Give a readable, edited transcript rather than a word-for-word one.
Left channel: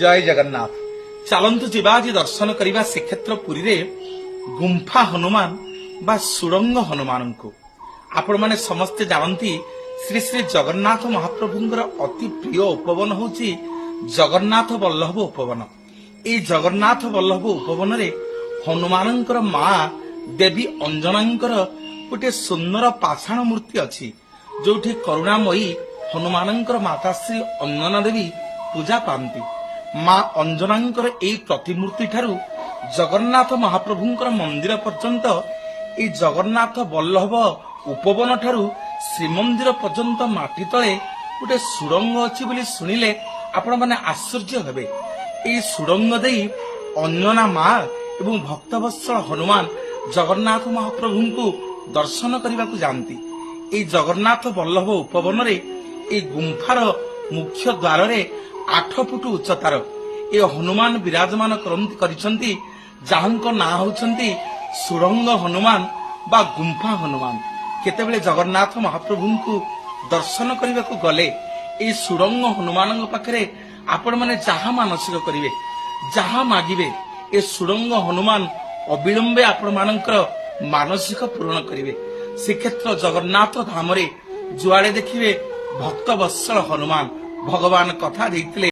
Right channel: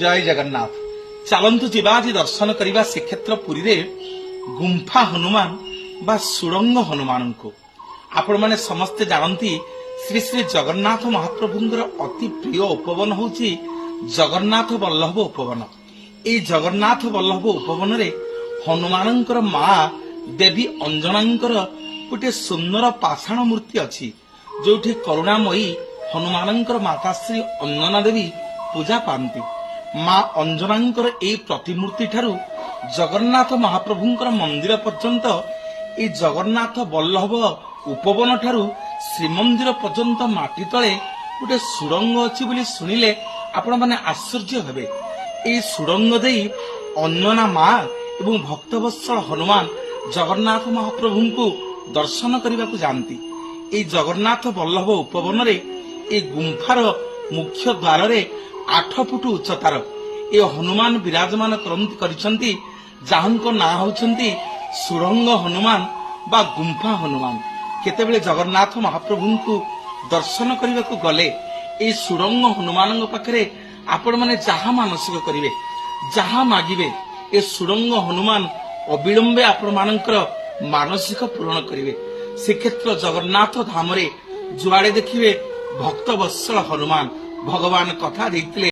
जय जगन्नाथ चलतु जी दर्शन करने श्रीक्षेत्र पुरी रे गुंफा हनुमान बा सुरंग हनुमान को आपण मैंने समस्ते जानती श्री श्री जगन्नाथ महाप्रभुंर अति प्रिय उपवन होची जगन्नाथ वल्लभ उपवन। ये जगन्नाथ वल्लभ उपवन रे हनुमानंकर माँ देवी अंजनांकर गोटे सुंदर पाषाण मूर्ति अच्छी जोठी करुणामयी हनुमानंकर माता श्री अंजना देवी पूजा पाती। माँ अंजनांकर एई प्रतिमूर्ति ठारू जगन्नाथ महाप्रभुंकर मंदिर पर्यंत ए जगन्नाथ वल्लभ उपवन ठारू श्रीमंदिर पर्यंत माटी तले गोटे सुरंग अच्छी बोली शुणिले आपण माने आश्चर्य हेबे। एई सुरंग देई अंजना माँ एवं भक्तवत्सल हनुमान जगन्नाथ महाप्रभु को दर्शन करने को जाती। एई जगन्नाथ वल्लभ उपवन रे ए गुंफार मुख्य द्वार रे 8 फुट उच्चतार ए हनुमान विराजमान करिसंती जाहुंको ना होचंती सुरंग हनुमान बा गुंफा हनुमान। केतेबेले जगन्नाथ महाप्रभु को दर्शन करने को गले ए सुरंग हनुमान पाखरे आपण माने जहा मानसिक करिवे जहा मागिवे ए सुरंग हनुमान अविलंबे आपण मानकर मानसिक पूर्ण करिवे। श्रीक्षेत्र जगन्नाथ धाम रे जुआड़े देखिवे भक्त वत्सल हनुमान भगवान कथा देइतिले